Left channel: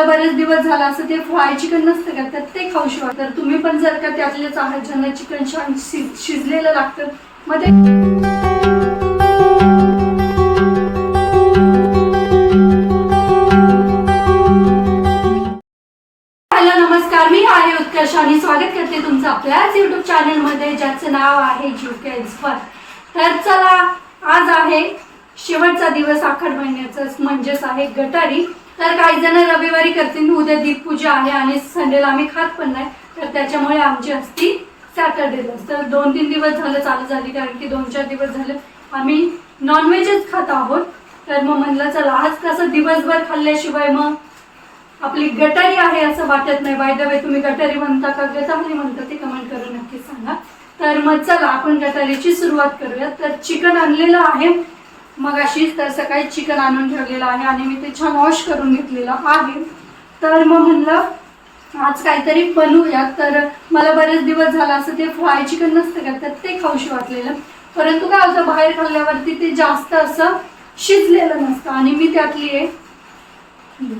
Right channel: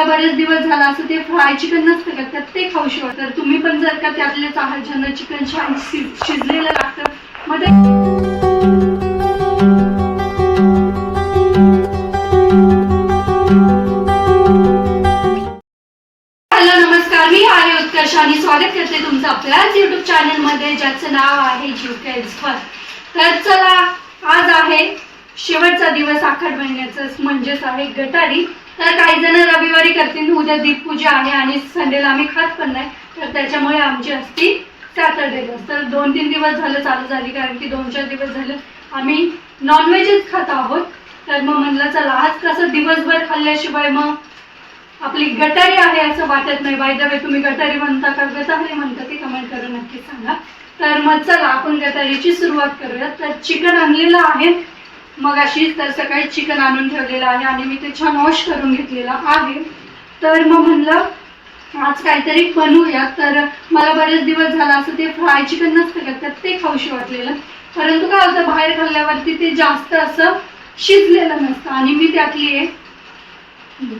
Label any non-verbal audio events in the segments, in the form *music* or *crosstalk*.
मला बरेच दिवस झाला असं ते फ्राय चिकन नसतं का? तर ते खाऊशी शिवाय तर तुम्ही पण जर का त्यातलेच आहात ज्यांना चिकन छान शिज शिजलेलं लागतं मग ते हॅलो नमस्कार. मी आणि स्वागत करते तुमचं आपल्याच युट्यूब चॅनलमध्ये ज्याचं नाव आहे जीवके एक्सपर्ट तर चला आज आहे शेवटचा दिवस आखड महिन्याचा म्हणजेच आहे गटारी. तर काही जण रविवारी करतील उद्या दीपपूजा आहे आणि संडेला आम्ही खात पण नाही. तर त्याच्यामुळे आमची असती सॅटर्डेला तर दोन तीन दिवस झालं चालू झाली कारण की दोन चार दिवस झालं आम्ही नॉनव्हेजच खात आहोत. तर मग म्हणलं चला आज कसं दिवसभर खाल्ल्याशिवाय मग आपली गटारी आहे असं वाटत नाही. बाय द वे तुम्ही गटारी म्हणता का? गटारी म्हणता ते कमेंट करून नक्की सांगा. तर मग चला आपण गटारीची सुरुवात करूया तर चिकन आणलेलं आहे. मग अशीच तर सकाळी चिकन आणून ठेवलेलं आहे आणि मी ते छान वॉश करून घेतलेलं आहे. तर मग म्हणलं आज काहीतरी बनवूया. तर मला बरेच दिवस झाला असं ते फ्राय चिकन नसतं का तर ते खाऊशी वाटलेलं. परंतु काय होतं बाहेर खाल्ल्यावरती ते जास्त असं शिजलेलं नसतं. आणि मी त्यातली आहे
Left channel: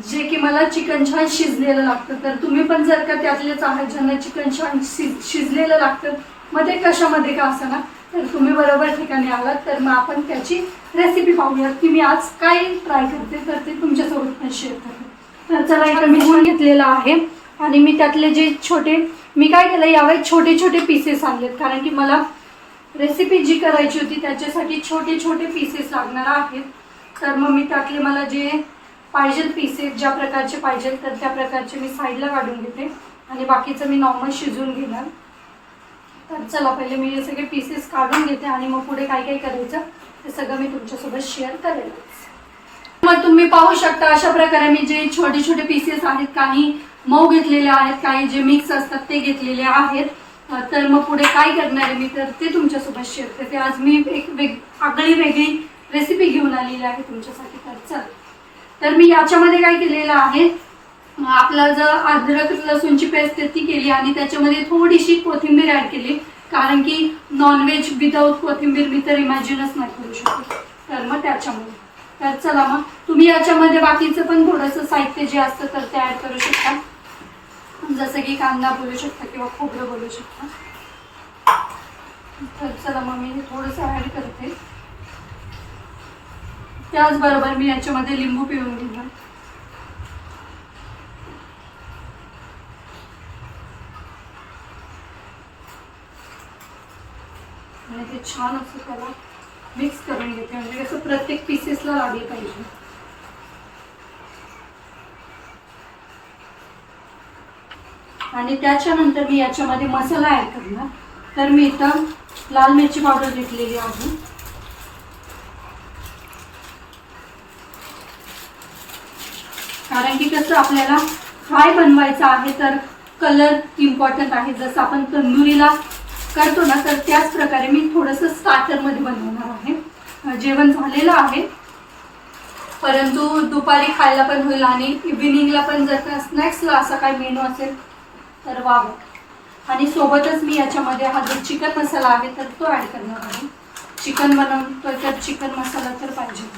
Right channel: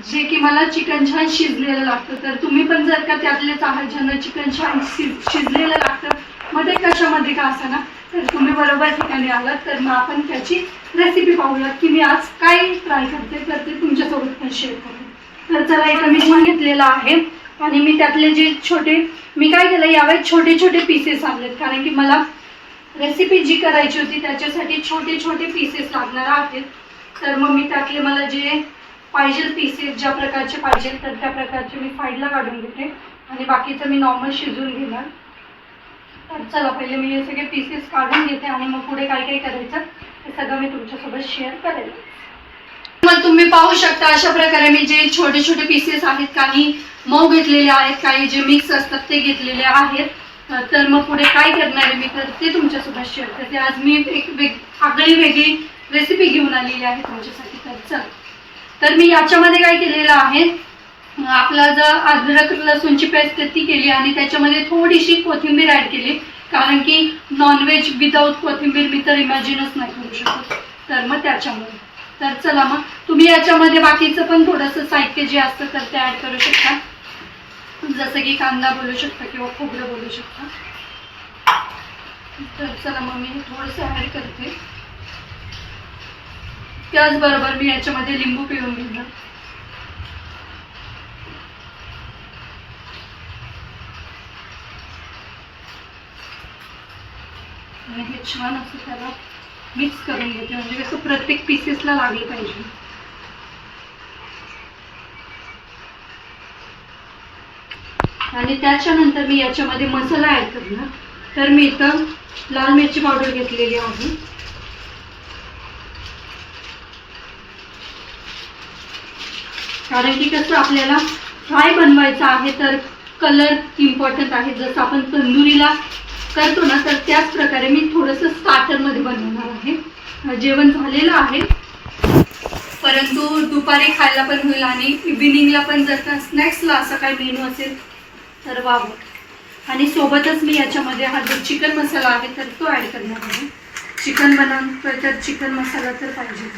जे की मला चिकन छान शिजलेलं लागतं. तर तुम्ही पण जर का त्यातलेच आहात ज्यांना चिकन छान शिज शिजलेलं लागतं मग ते कशामध्ये का असं ना? तर तुम्ही बरोबर ठिकाणी आलात तर मग आपण त्याची रेसिपी पाहूयात की मी आज काय ट्राय करते तर ते तुमच्यासोबत पण शेअर करते. तर चला इथं मी गुण घेतलेला आहे आणि मी त्यातले जे छोटे मी काय केलं यावेळेस छोटे छोटे पीसेस आणलेत. कारण की मला रेसिपी जी करायची होती त्याच्यासाठी छोटे छोटे पीसेस लागणार आहेत. तर मग मी त्यातले मला जे पाहिजे पीसेस ज्या प्रकारचे पाहिजे तर त्या प्रकारचे मी साईडला काढून घेते. आणि बाकीचं मी नॉर्मल शिजवून घेणार. तर चला पहिले मी हे सगळे पीसेस काढून घेते आणि मग पुढे काय काय करायचं ते सगळं मी तुमच्यासोबत शेअर करेल मग तुम्ही पाहू शकता अशा प्रकारे मी जे छोटे छोटे पीसेस आहेत काही मऊ घेतलेले आहेत काही जे मिक्स असतात ते घेतलेले आहेत. तर मग पुढे काय करणार आहे मी तर ते तुमच्यासोबत शेअर करते. आज मी एक वेग आगळी वेगळी रेसिपी घेऊन आलेली आहे तुमच्यासाठी. तर चल. तर मी याच्यामध्ये काय केलेलं आहे? आपला जर अद्रक लसूणची पेस्ट ती केली आणि त्याच्यामध्ये थोडीशी कोथिंबीर ॲड केली. कारण की नॉनव्हेज विदाऊट कोथिंबीर मी तर इमॅजिनच नाही करू शकत. तर मग त्याच्यामुळे. तर चला मग. तुम्ही याच्यामध्ये बाकीचं पण थोडंसं साहित्य जे असतं तर ते ॲड करू शकता. जसं की कांदा बोलू शकता किंवा खोबरं बोलू शकता. तर चला मग मी थोडंसं ॲड करते. त्याचबरोबर मी याच्यामध्ये लिंबू पिळून घेणार. आणि हे छान असं त्याला मिक्स करून घेते. म्हणजे कसं प्रत्येक पीसेसला लागलं पाहिजे. आणि त्याच्यानंतर मी याच्यामध्ये मसाला ॲड करणार. तर मी इथं लाल मिरची पावडर घेतलेली आहे. कारण की कसं आपल्याला फ्राय बनवायचं आहे तर कलर इम्पॉर्टंट आहे. जसं आपण तंदुरीला करतो ना तर त्याच प्रकारे मी थोडंसं स्टार्टरमध्ये बनवणार आहे. जेवण झालेलं आहे. परंतु दुपारी खायला पण होईल आणि इव्हिनिंगला पण जर का स्नॅक्सला असा काही मेनू असेल तर वाव आणि सोबतच मी याच्यामध्ये हा जो चिकन मसाला आहे तर तो ॲड करणार आहे. चिकन बनवून तर चिकन मसाला तर पाहिजे.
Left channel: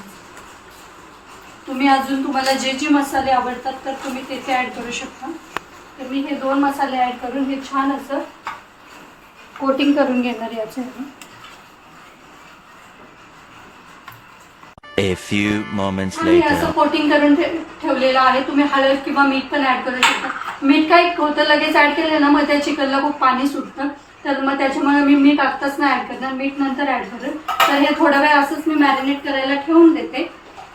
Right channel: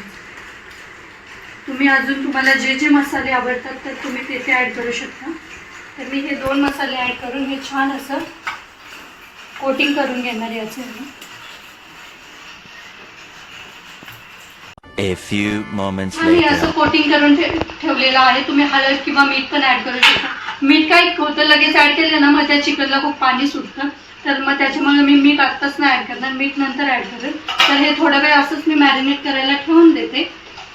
तुम्ही अजून तुम्हाला जे जे मसाले आवडतात तर तुम्ही ते ते ॲड करू शकता. तर मी हे दोन मसाले ॲड करून हे छान असं कोटिंग करून घेणार याचं मी A few moments आणि असं. कोटिंग करून ठे- ठेवलेलं आहे. तुम्ही हळद किंवा मीठ पण ऍड करू शकता. मीठ काय होतं लगेच ऍड केलं ना मग त्या चिकनला खूप पाणी सुटतं. तर मग त्याच्यामुळे मी मीठ आत्ताच नाही ऍड करणार. मीठ नंतर ऍड करेल तर हे थोडा वेळ असंच मी मॅरिनेट करायला ठेवून देते.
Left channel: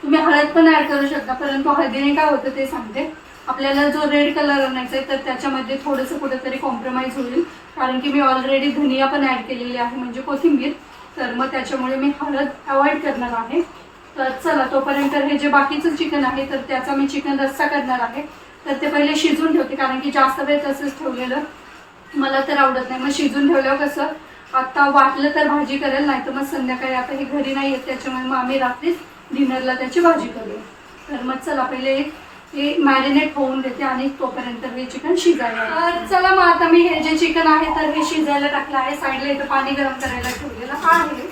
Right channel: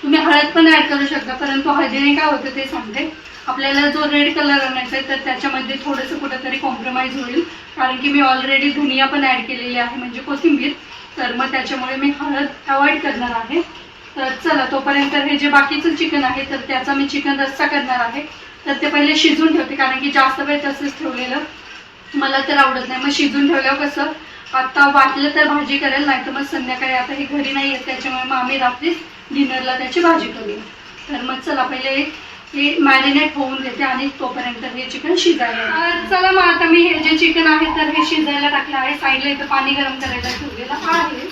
तुम्ही हळद पण ऍड करू शकता परंतु हळदीने काय होतं ते सांगते. आपल्याला जो रेड कलर आणायचा आहे तर त्याच्यामध्ये थोडंसं कुठेतरी कॉम्प्रोमाइज होईल. कारण की मी ऑलरेडी धनिया पण ॲड केलेली आहे म्हणजे कोथिंबीर. तर मग त्याच्यामुळे मी हळद अवॉइड करणार आहे. तर चला तोपर्यंत हे जे बाकीचं चिकन आहे तर त्याचा मी चिकन रस्सा करणार आहे. तर ते पहिले शिजून ठेवते कारण की जास्त वेळ तसंच ठेवलेलं. मला तर आवडत नाही. मग शिजून ठेवल्यावर कसं आता वाटलं तर भाजी करेल नाही तर मग संध्याकाळी आता हे घरी नाही येत त्याच्यामुळे मग आम्ही रात्रीच डिनरला त्याची भाजी करूया तर मग चला पहिले हे मॅरिनेट होऊन देते आणि तोपर्यंत हे चिकन शिजायला चला मग आता मी हे जे चिकन आहे तर हे शिजायला टाकलं आहे. साईडला इथं पाणी गरम करायला ठेवलेलं आहे.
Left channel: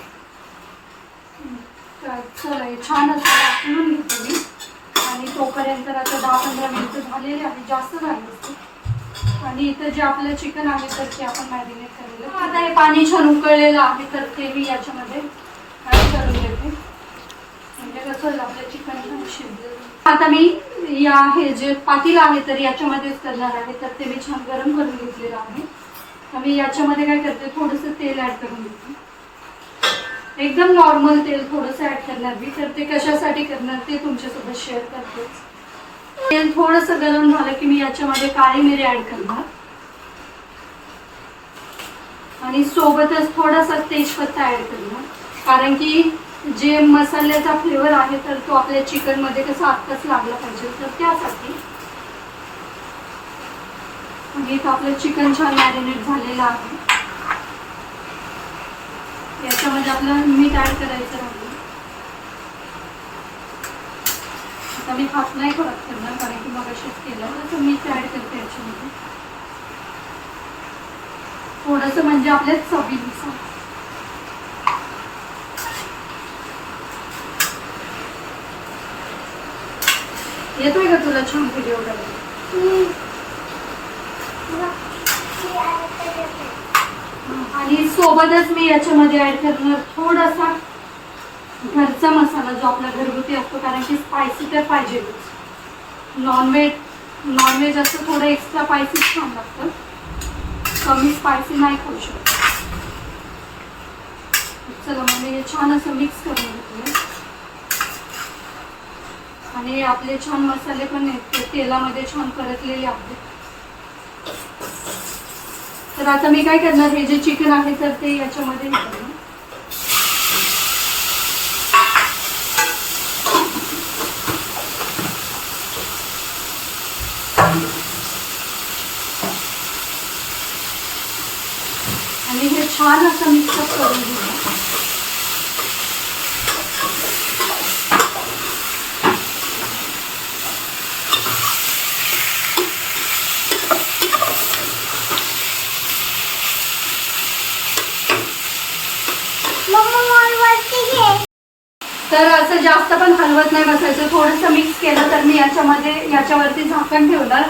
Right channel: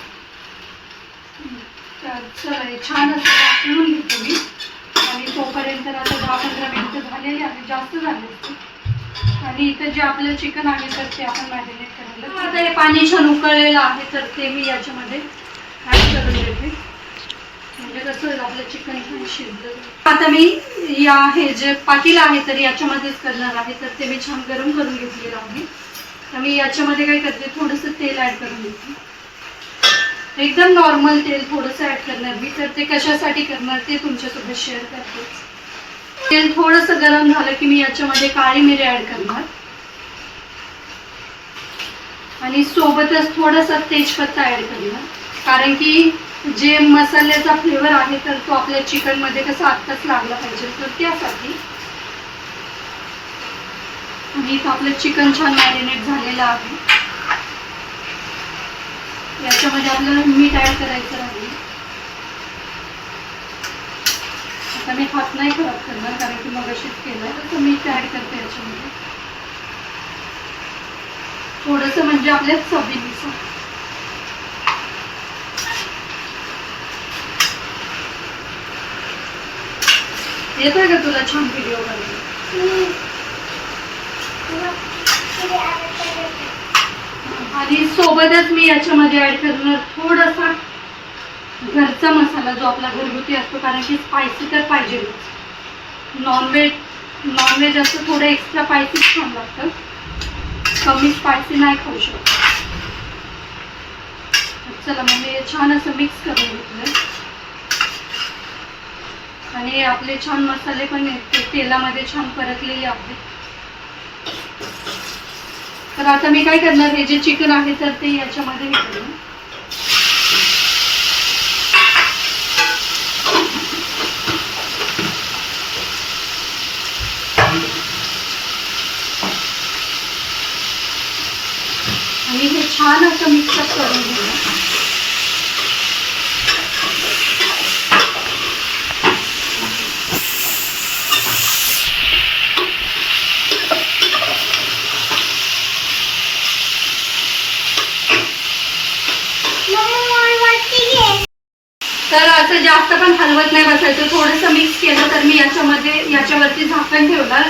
तर चला हे छान असं टाकून घेतो मी. आणि तोपर्यंत आता दहा पंधरा मिनिटं झालेली आहे. जास्त झाले असते आणि इथं जे आपलं चिकन आहे तर ते आपण मॅरिनेट करायला आता हे पाणी छान उकळलेलं आहे तर ते मी याच्यामध्ये ॲड करून देते म्हणजे कसं आपलं चिकन छान शिजलं आता मी या हे जे पाटील आहे तर याच्यामध्येच करणार आहे. तर ते मी छान गरम करून घेतलेलं आहे. तर मी याच्यामध्ये काय करते थोडंसं तेल ॲड करून घेते. एकदम नॉर्मल तेल थोडंसं ॲड करणार मी. तर ते कशासाठी करणार ते तुमच्यासोबत शेअर करते. तेल थोडंसं गरम झालं की मी याच्यामध्ये काळी मिरी ॲड करणार. आणि सोबतच थोडासा तेजपत्ता ॲड करणार. कारण की जे मसाल्याचा फ्लेवर आहे तर तो आपल्या चिकनमध्ये कसा आत्ताच लागला पाहिजे. तर त्यासाठी आणि इथं आपलं चिकन छान मॅरिनेट झालेलं आहे. याच्यामध्ये आपलं मीठ ॲड करायचं राहील आता मी हात नाही खराब करणार कारण की मग अशीच केलं तसं मीठ ॲड करते याच्यामध्ये. थोडंसं म्हणजे आपल्या चवीनुसार. येतोय का तुला छान व्हिडिओ करायला आणि सोबतच मी याच्यामध्ये ऍड करणार थोडासा घरचा मसाला जो आपला घरगुती असतो कारण की स्पायसी तर पाहिजे. नॉनव्हेज नॉनव्हेज असं थोडं एक्स्ट्रा स्पायसी छान लागतं. कमी स्पायसी नाही खाऊ शकत. चला मग मी छान असं मिक्स करून घेतलं आणि आपले छान मसाले पण आहेत तेलामध्ये छान परतलेले आपले. तर आता मी काय करणार हे जे चिकन आहे तर ते याच्यामध्ये करणार. आणि हे छान असं मिक्सअप करून घेणार तर असं जास्त पण हलवत नाही बसायचं. थोडंसं मिक्स केलं तर मी याच्यामध्ये याच्यावरती झाकण ठेवणार.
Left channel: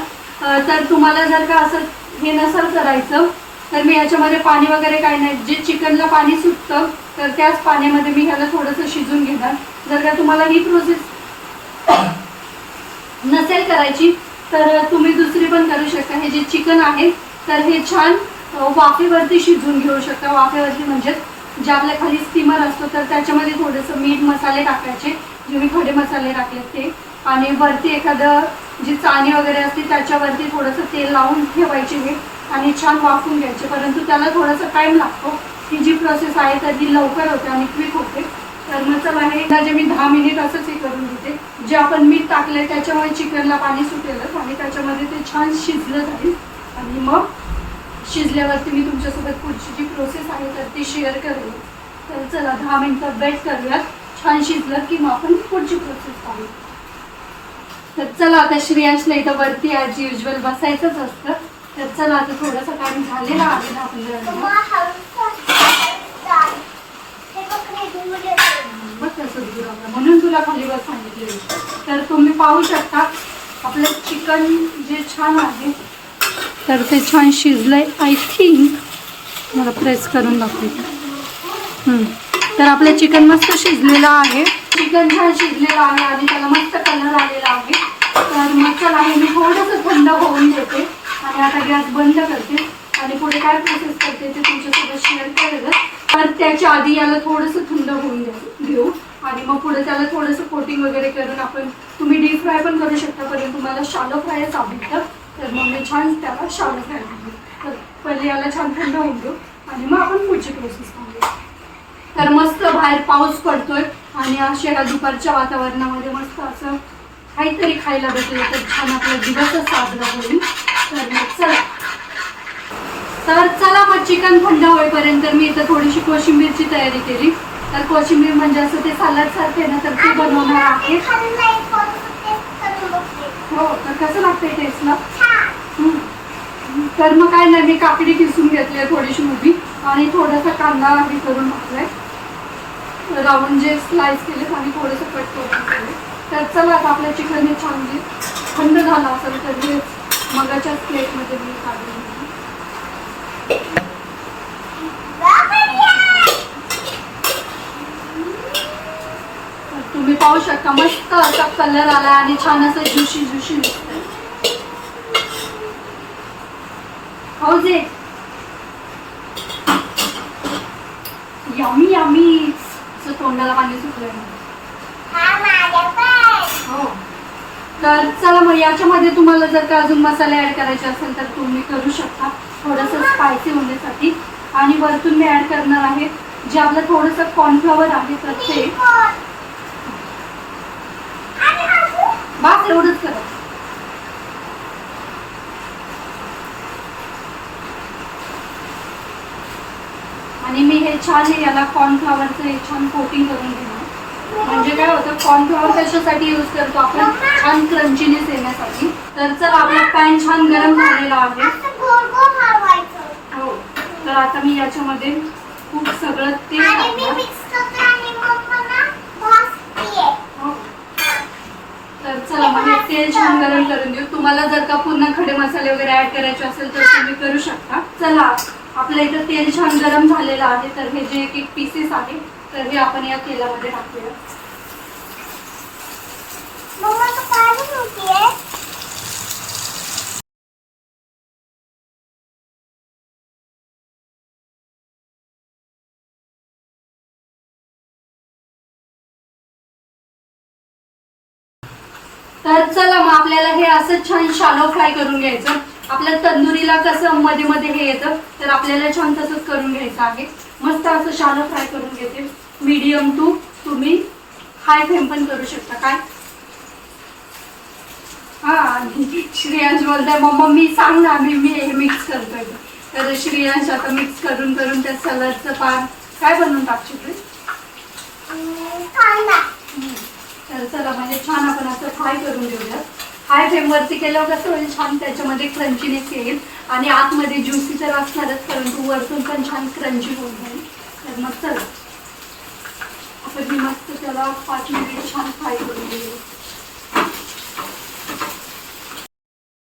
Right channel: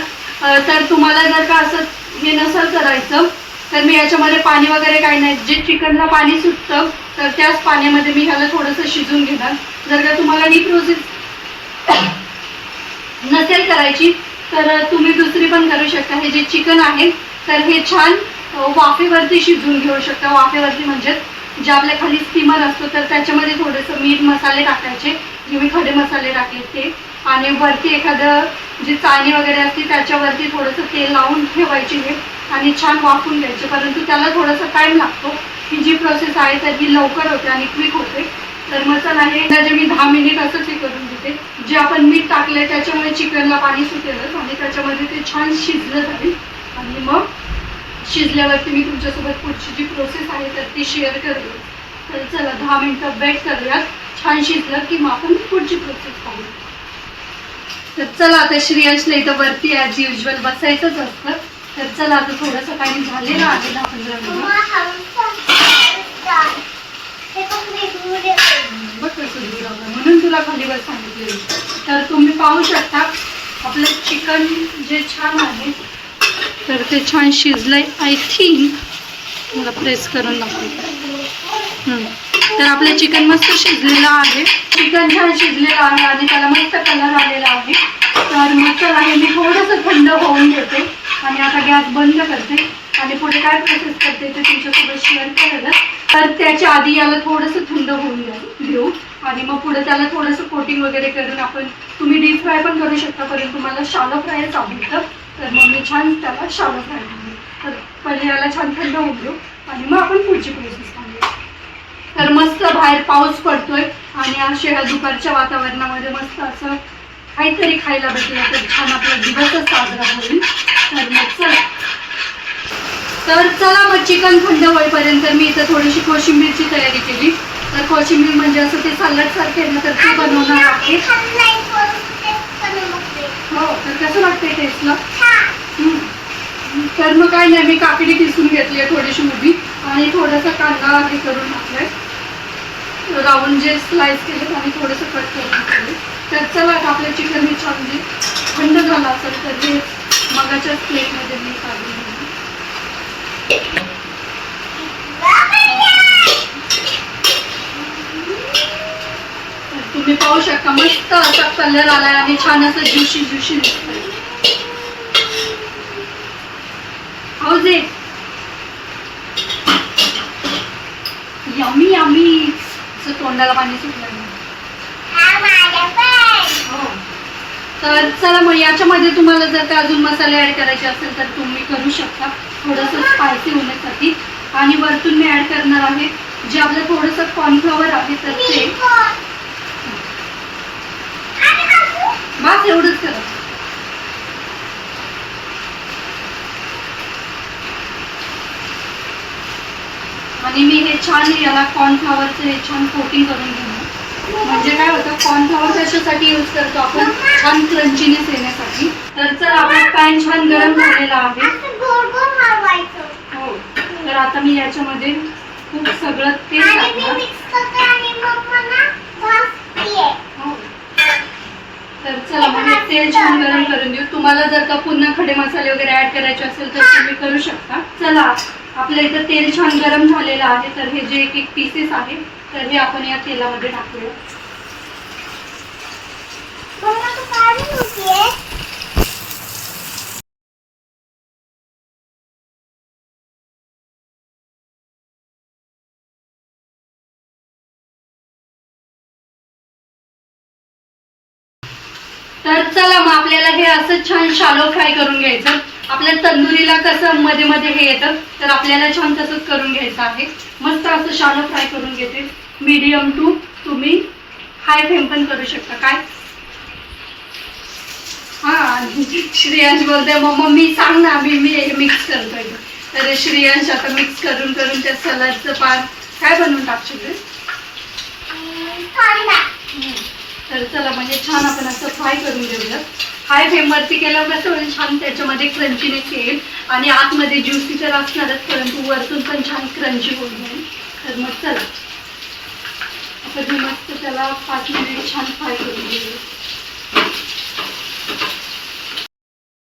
तर तुम्हाला जर का असं हे नसेल करायचं तर मी याच्यामध्ये पाणी वगैरे काही नाही. जे चिकनला पाणी सुटतं तर त्याच पाण्यामध्ये मी ह्याला थोडंसं शिजून घेणार. जर का तुम्हाला ही प्रोसेस *coughs* नसेल करायची तर तुम्ही दुसरी पण करू शकता. हे जे चिकन आहे तर हे छान वाफेवरती शिजवून घेऊ शकता. वाफेवरती म्हणजे जे आपल्या खाली स्टीमर असतो तर त्याच्यामध्ये थोडंसं मीठ मसाले टाकायचे. जे मी खडे मसाले टाकले ते. आणि वरती एखादं जी चाणी वगैरे असते त्याच्यावरती थोडंसं तेल लावून ठेवायचे हे आणि छान वाफून घ्यायचे. परंतु त्याला थोडासा टाईम लागतो. ही जी प्रोसेस आहे तर ही लवकर होते आणि क्विक होते. तर मसाला चला हे जे मी दहा मिनिट असंच हे करून घेते जे आपण मीठ टाकले त्याच्यामुळे चिकनला पाणी सुटेलच आणि त्याच्यामध्ये ते छान शिजलं जाईल. आणि मग शिजल्यावरती मी तुमच्यासोबत पुढची जी प्रोसेस आहे तर ती शेअर करेल तर चला दहा मिनटं बेट करूयात. छान शिजलं की मग आपण पुढची प्रोसेस पाहू. तर चला आता श्रेयांशला इथं वरती ॲज युजल बसायचंच असतं. तर चला आता थोडंसं काही झालेलं आहे दहा पंधरा मिनिट आलं. म्हणून तुला खाली बस सांगितले तर तुम्ही पाहू शकता आपलं चिकन जे छान आहे तर ते छान शिजलंय. आय थिंक मला प्रेस करून दाखवते. तर आपलं चिकन मस्त शिजलेलं आहे. चिकन छान शिजलेलं आहे. आणि त्याला मस्त कलर आलेला आहे. तर मसाला हे मी थोडंसं थंड होऊन घेते आणि आता गॅस बंद करते. आणि पुढे काय प्रोसेस करते ते तुमच्यासोबत शेअर करेल तर त्याच्या आधी याला थोडंसं थंड होऊन घेऊ. आणि मग पुढे त्याला थोडंसं कोटिंग वगैरे करून आपण तुम्ही डीप फ्राय पण करू शकता परंतु मला शालो फ्रायच आवडतं. तर मग मी छान त्याला शालो फ्राय तर पहिले याला छान थंड होऊन घेऊ. आणि मग आपण पुढची प्रोसेस पाहू. तर मस्त बाहेर पाऊस पडतोय आणि अशा दुपारच्या वातावरणामध्ये मस्त असं काहीतरी खायला भेटलं तर छान आपला दिवसच साजरा होईल. तर मग चला. तर चला मग चिकन थंड होईपर्यंत मी इथं थोडीशी कोशिंबीरची तयारी केली. तर कोशिंबीर म्हणजे असं ते सलाड सारखे ना तर ते बनवणार आहे. हो तर कसं लागतंय टेस्टला हम्म. तर मग काय नाही मी काकडी किसून घेतली थोडीशी उभी आणि थोडासा कांदा हे करून टाकलाय. राऊंड जे स्लाइस केलेत आणि थोडंसं कट करून टाकले तर चला आता आपलं चिकन हे छान जे थंड झालं असेल तर हे मगाच्याच प्लेटमध्ये मी काढून तुम्ही पाहू शकता मस्त असा कलर आलाय आणि छान असं ज्युशी ज्युशी दिसतंय. हो हाऊज इट तोंडाला पाणी सुटलं नाही. हो. तर चला मग याच्यामध्ये तुम्हाला जर का अजून मसाले ॲड करायचे असेल तर तुम्ही करू शकता. थोडंसं स्पायसी होण्यासाठी. आणि वरतून मी ॲड करणार आहे. जे आपलं थोडंसं कॉर्नफ्लॉवर आहे तर ते. बस एवढंच करा. आणि मी हे छान याला कॉर्नफ्लॉवरचं हे छान कोटिंग करून घेणार. म्हणजे काय होतं कॉर्नफ्लॉवर कशासाठी यूज करतो आपण? छान क्रंचीनेस येण्यासाठी. तर चला आपला पॅन छान गरम झालेला आहे. हो. तर आता मी याच्यामध्ये खूप सगळं तेल हो. तर चला हे तेल छान गरम करून देऊ. तुम्हाला जर का पुन्हा खडे मसाले वगैरे ऍड करायचे असेल तर तुम्ही करू शकता. चला. आपलं इथं तेल छान गरम झालेलं आहे तर हे जे एक एक पीसेस आहे तर हे आपण या तेलामध्ये टाकूया. तर चला मग आपल्याला हे असं छान शालो फ्राय करून घ्यायचं. आपल्या तंदुरीला कसं मध्ये मध्ये हे येतं तर आपल्याला छान तसंच करून घ्यायचं आहे. मस्त असं शालो फ्राय करून घेते. मीडियम टू तुम्ही हाय फ्लेम पण करू शकता. काय? हा श्रेयांश बोलतोय मग मम्मी सांग ना मी मी हे मिक्स करतोय. तर श्रेयांश आता मिक्स करून करून त्या सलाडचं पान काय बनवून टाकशील? तर चला म्हणजे छान आपण असं फ्राय करून घेऊया हाय फ्लेमवरती केल्यावर कसं म्हणजे छान त्याच्यामध्ये क्रंचीनेस येईल आणि आतमध्ये ज्युसी तर असणारच परंतु वरतून पण छान क्रंची होऊन जाईल तर मग चला. आपण मस्त त्याला पाच मिनिट छान फ्राय करून घेऊ.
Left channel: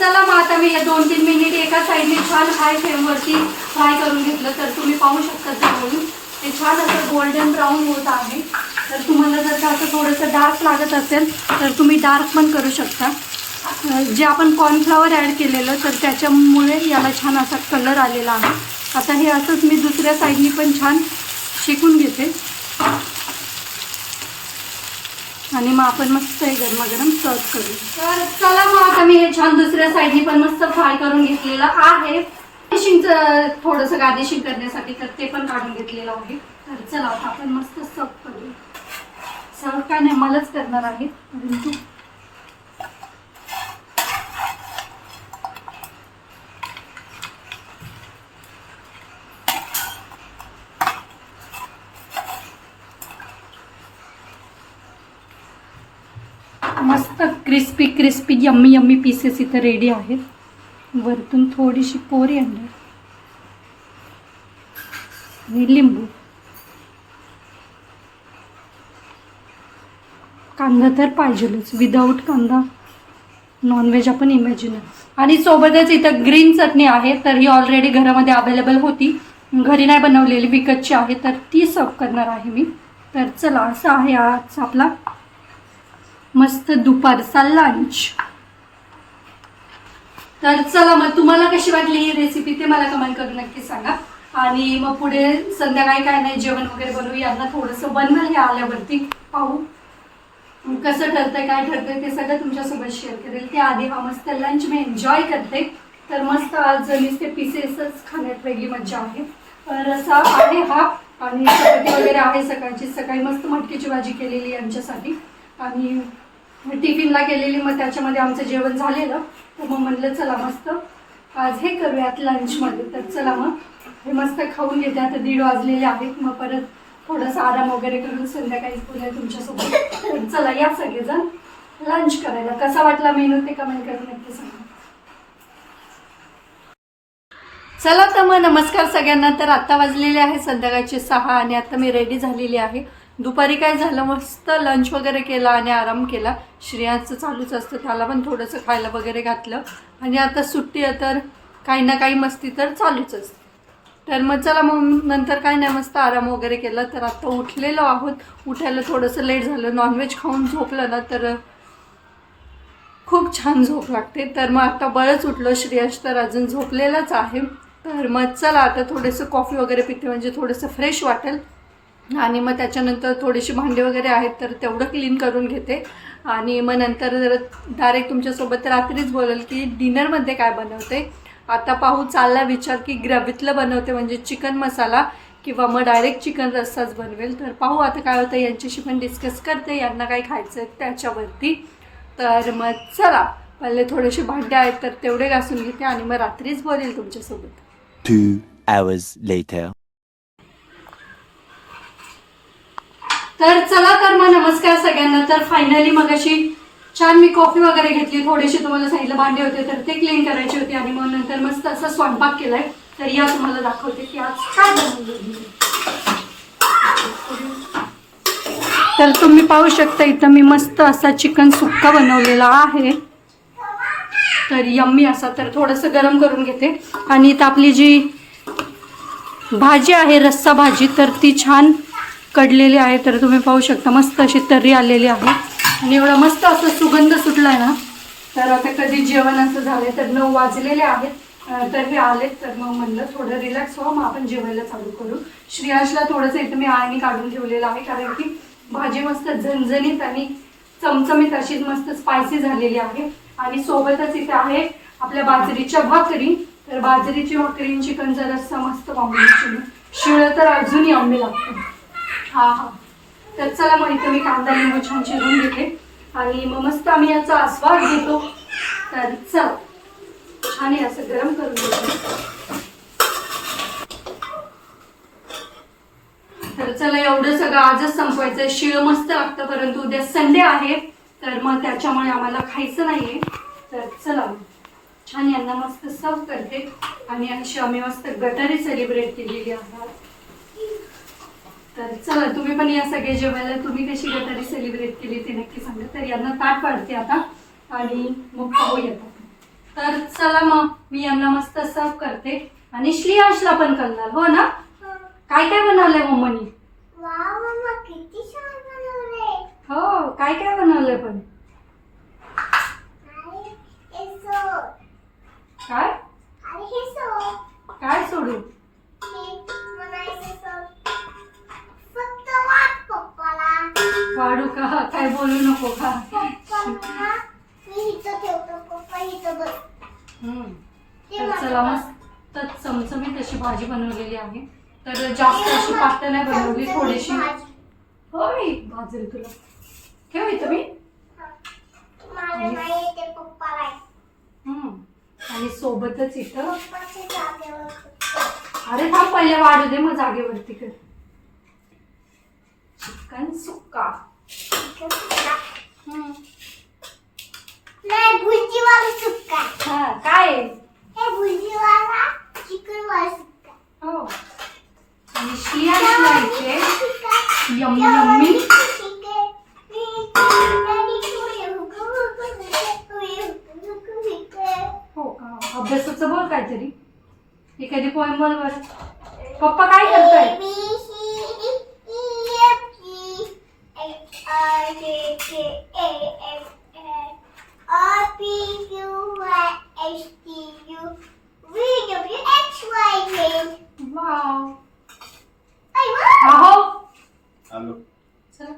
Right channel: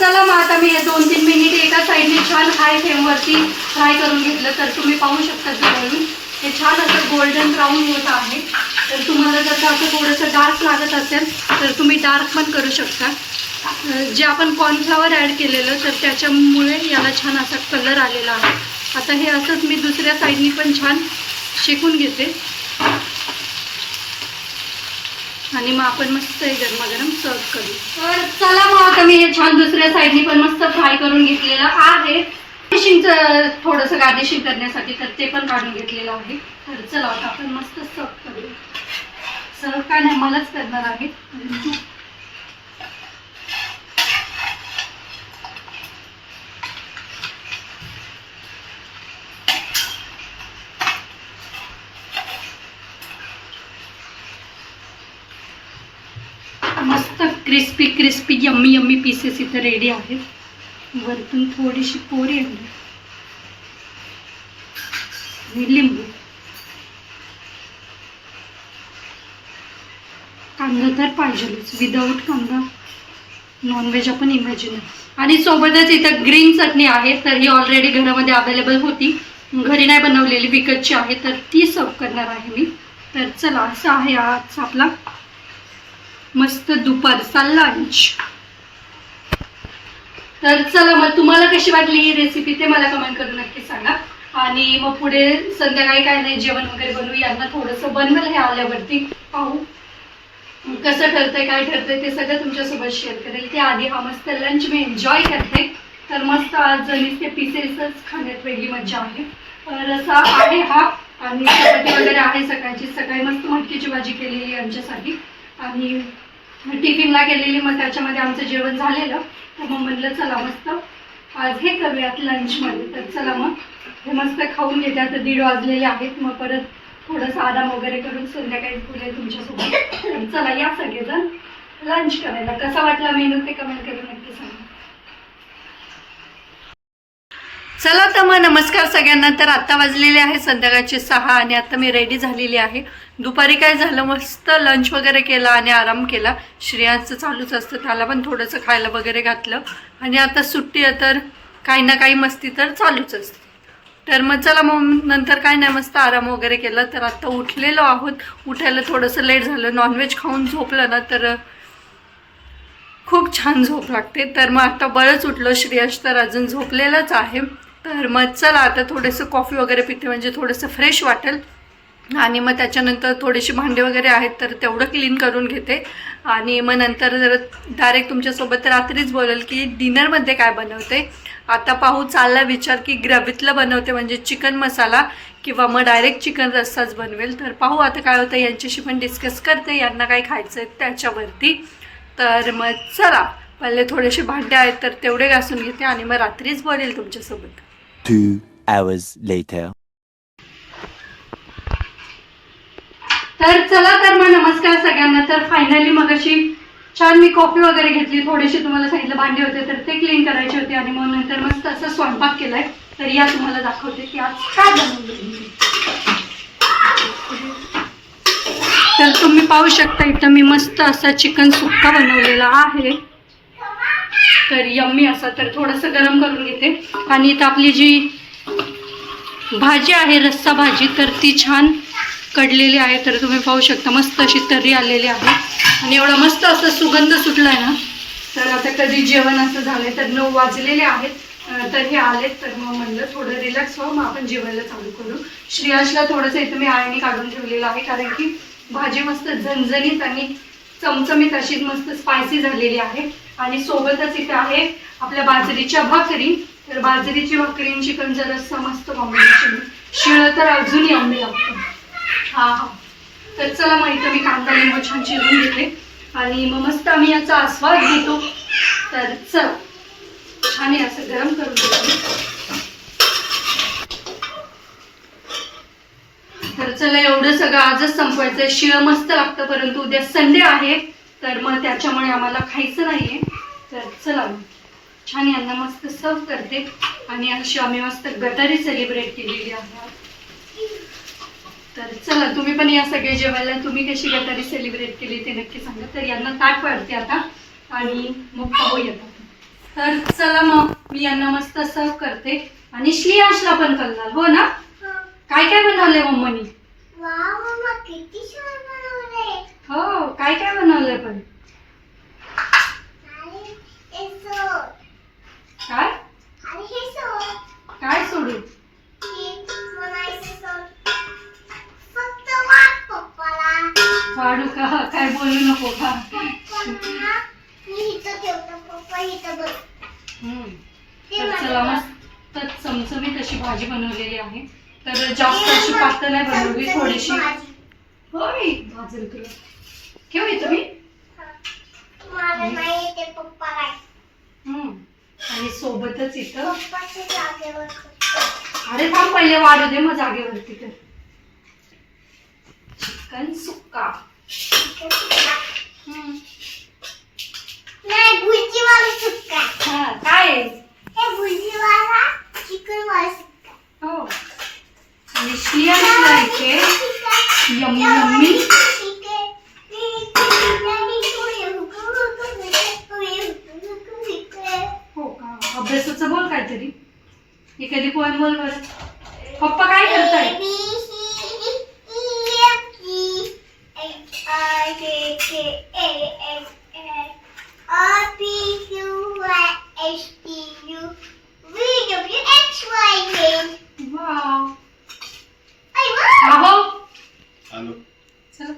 चला मग आता मी हे दोन तीन मिनिट एका साईडने छान हाय फ्लेमवरती फ्राय करून घेतलं तर तुम्ही पाहू शकता जवळून हे छान असं गोल्डन ब्राऊन होत आहे. तर तुम्हाला जर असं थोडंसं डार्क लागत असेल तर तुम्ही डार्क पण करू शकता. जे आपण कॉर्नफ्लॉवर ॲड केलेलं तर त्याच्यामुळे याला छान असा कलर आलेला आहे. आता हे असंच मी दुसऱ्या साईडनी पण छान शेकून घेते. आणि मग आपण मस्त हे गरमागरम सर्व करू. तर चला मग आता मी हे छान दुसऱ्या साईडनी पण मस्त फ्राय करून घेतलेलं आहे. गार्निशिंगचं थोडंसं गार्निशिंग करण्यासाठी तर ते पण काढून घेतलेलं आहे. तर चला आता आपण मस्त सर्व करू सर्व काय नाही मलाच करणार आहे मस्त crispy crispy yummy yummy pieces इथं रेडी आहेत. वरतून थोडीशी पोरी आणली. आणि लिंबू. कांदा तर पाहिजेलच. विदाऊट कांदा नॉनव्हेज आपण इमॅजिन आणि सोबतच इथं ग्रीन चटणी आहे तर ही ऑलरेडी घरामध्ये अवेलेबल होती. घरी नाही बनवलेली विकतची आहे तर ती सर्व करणार आहे मी. तर चला असं आहे आज आपला मस्त दुपारचा लंच तर चला मग तुम्हाला कशी वाटली ही रेसिपी ते मला कमेंट करून नक्की सांगा. आणि मग पुढे संध्याकाळी काय नाही जेवण वगैरे बनवू यांना थोडंसं बनवेल हे आल्यावरती. पाहू. कसं ठरतंय काय ठरतंय ते सगळं तुमच्यासोबत शेअर करेल. ते आधी हा मस्त लंच मी एन्जॉय करते. तर मस्त आज नुसते पिसेसच खाण्यात वेगळी मजा आहे. तर असा आहे हा. आणि चपाती वगैरे आहे सकाळची. सकाळी मस्त मटकीची भाजी केलेली आमच्यासाठी. आणि टिफिनला गेलेली मग त्याच्यामध्ये आमचं जेवण झालेलं. तर मग म्हणलं चला मस्त आज हे करूयात लंचमध्ये तर चला मग हे मस्त खाऊन घेते आता दीड वाजलेले आहेत मग परत थोडंसं आराम वगैरे करून संध्याकाळी बोलेल तुमच्यासोबत. तर चला या सगळेजण लंच करायला. कसा वाटला मेनू ते कमेंट करून नक्की सांगा. चला तर मग नमस्कार सगळ्यांना. तर आत्ता वाजलेले आहे संध्याकाळचे सहा आणि आता मी रेडी झालेली आहे. दुपारी काय झालं? मस्त लंच वगैरे केला आणि आराम केला. श्रेयांचं चालूच असतं. त्याला पण थोडंसं खायला वगैरे घातलं. आणि आता सुट्टी आहे तर काही ना काही मस्ती तर चालूच असते. तर मग चला मग नंतर काय नाही मस्त आराम वगैरे केला. तर आता उठलेलो आहोत. उठायला थोडंसं लेट झालं. नॉनव्हेज खाऊन झोपलं ना तर खूप छान झोप लागते. तर मग आता बरंच उठलं. श्रेयश तर अजून झोपलेलाच आहे. तर मग चला आता थोडंसं कॉफी वगैरे पिते. म्हणजे थोडंसं फ्रेश वाटेल. आणि मग त्याच्यानंतर थोडीशी भांडी वगैरे आहेत तर तेवढं क्लीन करून घेते. आणि मग नंतर जर डायरेक्ट तुमच्यासोबत रात्रीच बोलेल की डिनरमध्ये काय बनवते? आता पाहू चालला विचार की ग्रॅव्हीतलं बनवते म्हणजे चिकन मसाला किंवा मग डायरेक्ट चिकन रस्साच बनवेल. तर पाहू आता काय होतं यांच्याशी पण डिस्कस करते. यांना काय खायचं आहे त्याच्यावरती. तर मग चला पहिले थोडेसे भांडे आहेत तर तेवढे घासून घेते आणि मग रात्रीच बोलेल तुमच्यासोबत. तर चला तर मग नमस्कार सगळ्यांना. तर फायनली मग अशी छान मी कॉफी वगैरे घेतली. थोडीशी तुम्हाला सांगितलं भांडे होते तर ते क्लीन करायचे होते आणि मग नंतर मस्त असा स्वयंपाक केलाय. तर या तुम्हाला दाखवते की आज काय बनवलं. तर तुम्ही पाहू शकता इथं मी मस्त असा चिकन सुक्का बनवलेला आहे. तर यम्मी असा तर थोडंसं गरम करून घेते. आणि इथं आपली जी भाजी आहे रस्सा भाजी तर ती छान कडलेली आहे तर तुम्ही पाहू शकता मस्त अशी तर्री आलेली आहे. आणि एवढा मस्त असा सुगंध सुटला आहे ना तर आता कधी जेवण असं झाले तर नऊ वाजलेले आहेत. तर हे आलेत तर मग म्हणलं थोडं रिलॅक्स व्हा मग आपण जेवायला चालू करू. श्रेयाशला थोडंसं इथं मी आळणी काढून ठेवलेलं आहे कारण की भाजी मस्त झणझणीत आणि चमचमीत अशी मस्त स्पायसी झालेली आहे. आणि सोबतच इथे आहे आपल्या बाजरीच्या भाकरी. तर बाजरीची भाकरी आणि चिकन जरा मस्त कॉम्बिनेशन शिळं तर अजूनही आंबे लागतं हा हा. तर चला मग इथं मी कांदा लिंबू छान चिरून घेते. आणि मग मस्त आम्ही याचा आस्वाद घेतो. तर चल छान असं गरम करून घेतो. तर चला एवढं सगळं आजच संपवायचं शिळ मस्त लागतं परंतु उद्या संडे आहे. तर मग त्याच्यामुळे आम्हाला खायचं नाहीये. तर चला छान यांना मस्त सर्व करते. आणि अशी आम्ही मस्त गटारी सेलिब्रेट केलेली आहे तर चला तुम्ही पण या सगळे जेवायला. तुम्ही कशी गटारी सेलिब्रेट केली ते नक्की सांगा. तर यांना ताट पाडते आता आणि मग पाहू येतात. तर चला मग मी यांना मस्त सर्व करते. आणि श्लियाशला पण करणार हो ना? काय काय बनवलंय मम्मानी? मम्मा हो काय काय बनवलंय पण? काय? भाजी बनवलेली आहे. तर जास्त अशी पातळ नाही बनवली थोडीशी. होय भाजल तुला. ठेव मी येते. हम्म. आणि सोबतच इथं. अरे थांब पहिले वाढू दे मग जागेवरती कर चिकन सुक्का. हम्म. नाही हा काय आहे? हे भुर्जीवाला चिकन वाला सुक्का हो आणि श्लियाशला इथे यम्मी यम्मी हो का? अभ्यासाचं बोल काहीतरी. एखादी पोयम बोल बरं पप्पा काय करताय वाव आहो आलो चला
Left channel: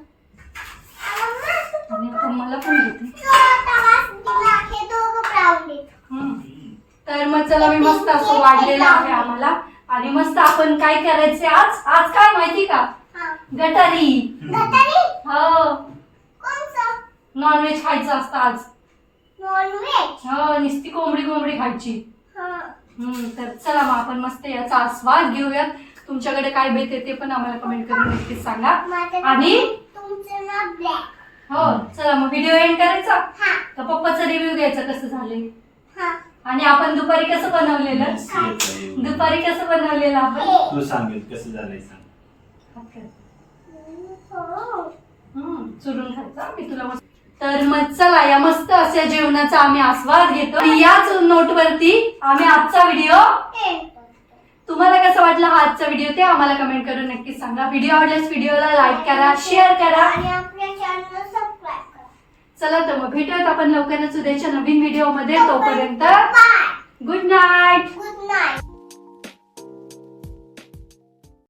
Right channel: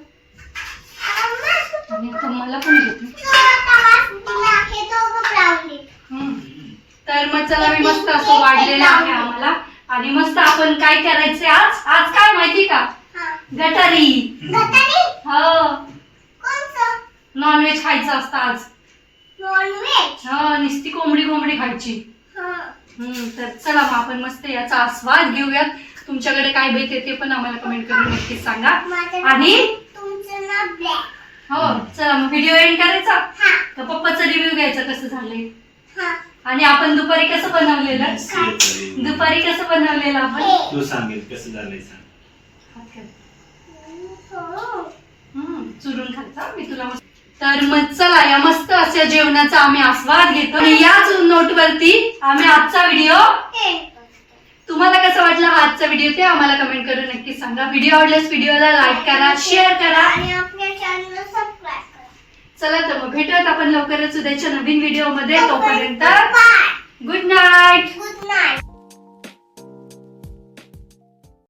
आणि आता मला पण घेते हम्म. तर मग चला मी मस्त वाढलेलं आहे आम्हाला. आणि मस्त आपण काय करायचंय आज? आज काय माहिती का? गटारी. हो. नॉनव्हेज खायचं असतं आज. हो नुसती कोंबडी कोंबडी खायची. तर चला मग आपण मस्त याचा आस्वाद घेऊयात. तुमच्याकडे काय बेत आहे ते पण आम्हाला कमेंट करून नक्कीच सांगा. आणि? हो चला मग व्हिडिओ एंड करायचा? हा. तर पप्पाचा रिव्ह्यू घ्यायचा कसं झालंय? आणि आपण दुपारी कसं बनवलेलं? तू दुपारी कसं बनवलेलं आपण? सांगेल कसं झालंय सांग. हो चुरून खायचा मी तुला तर मग चला या मस्त अशा जेवणाचा आम्ही आस्वाद घेतो. आणि याच नोट वरती आम्ही आजचा व्हिडिओ. तुम्हाला कसं वाटलं हा आजचा व्हिडिओ ते आम्हाला कमेंट करून नक्की सांगा. व्हिडिओ आवडल्यास व्हिडिओला लाईक करा शेअर करा. आणि आपल्या चॅनलला सबस्क्राईब करा. चला तर मग भेटूयात आपण लवकरच उद्याच्या नवीन व्हिडिओमध्ये. तोपर्यंत bye good night good night